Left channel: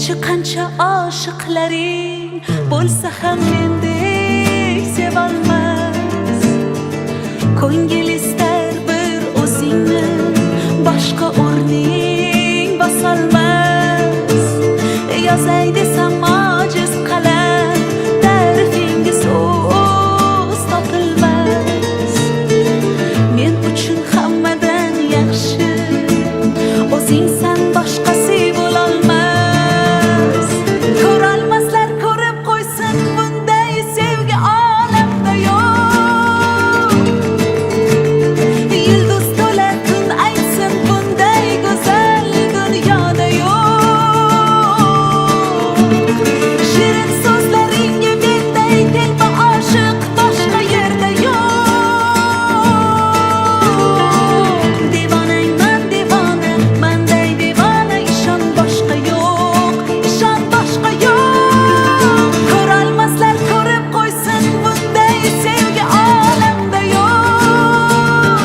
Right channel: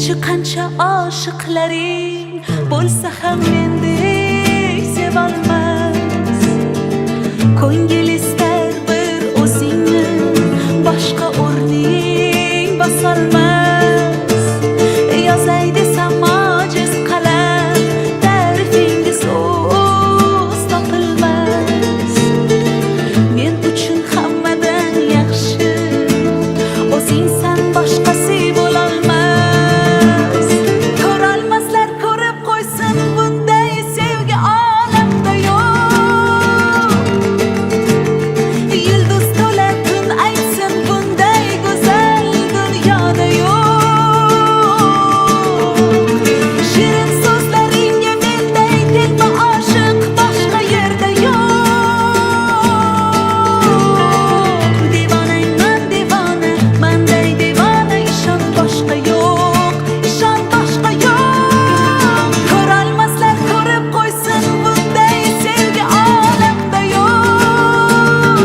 Qancha qancha oshiqlaring bo'lsa ham mendek sevolmas. Ko'ngil istar bir o'zingni, boshqa o'rning bosolmas. Yozay desam ojiz qalam, ta'rifingiz so'z topilmas. Men uchun hammadan yaxshi o'zingsan, boshqasi bo'lolmas. Ko'rolmaslar ko'rib qo'ysin, bunday sevgi olamda yo'q. Yulduz to'la tun aytsin, bunday go'zal dunyoda yo'q. Shirin so'zlaringga menday telba oshiq boshqa yerda yo'q. Devonangman devona, manday devona, ishon boshqa yo'q, ishon boshqa yo'q. Ko'rolmaslar ko'rib qo'ysin, bunday sevgi olamda yo'q.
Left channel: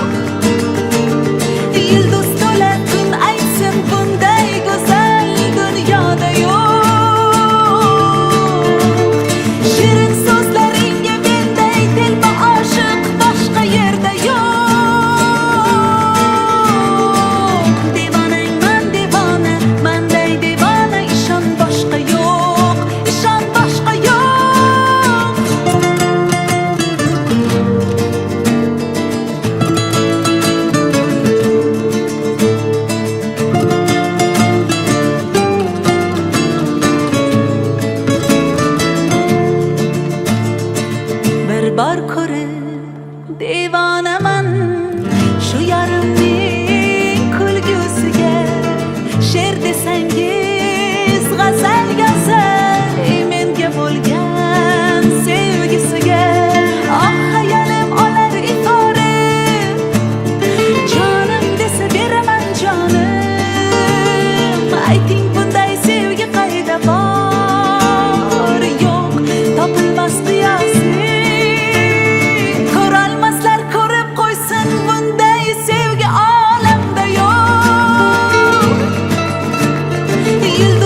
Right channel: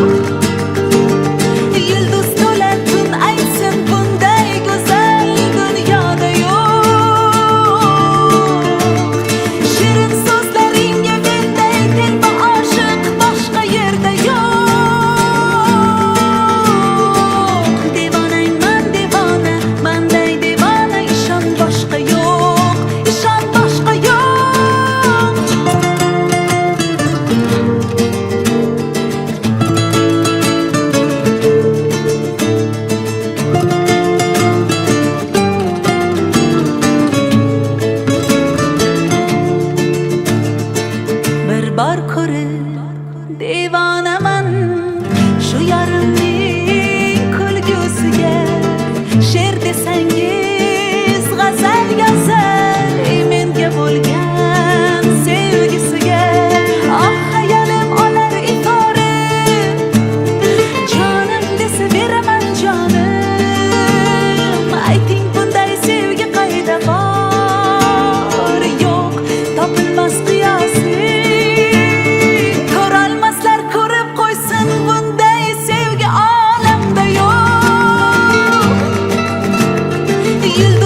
Yulduz to'la tun aytsin, bunday go'zal dunyoda yo'q. Shirin so'zlaringga menday telba oshiq boshqa yerda yo'q. Devonangman devona, manday devona, ishon boshqa yo'q, ishon boshqa yo'q. Bir bor ko'rib devonaman shu yarimning kulgusiga. She'r desangiz g'azal yozay menga bo'lgan sevgisiga. Oh hayolim olar ifora, jonim desa beraman jonim. Ayting bunday sevgi qayda bor? Yo'q, topilmas qiyosi. Ko'rolmaslar ko'rib qo'ysin, bunday sevgi olamda yo'q. Yulduz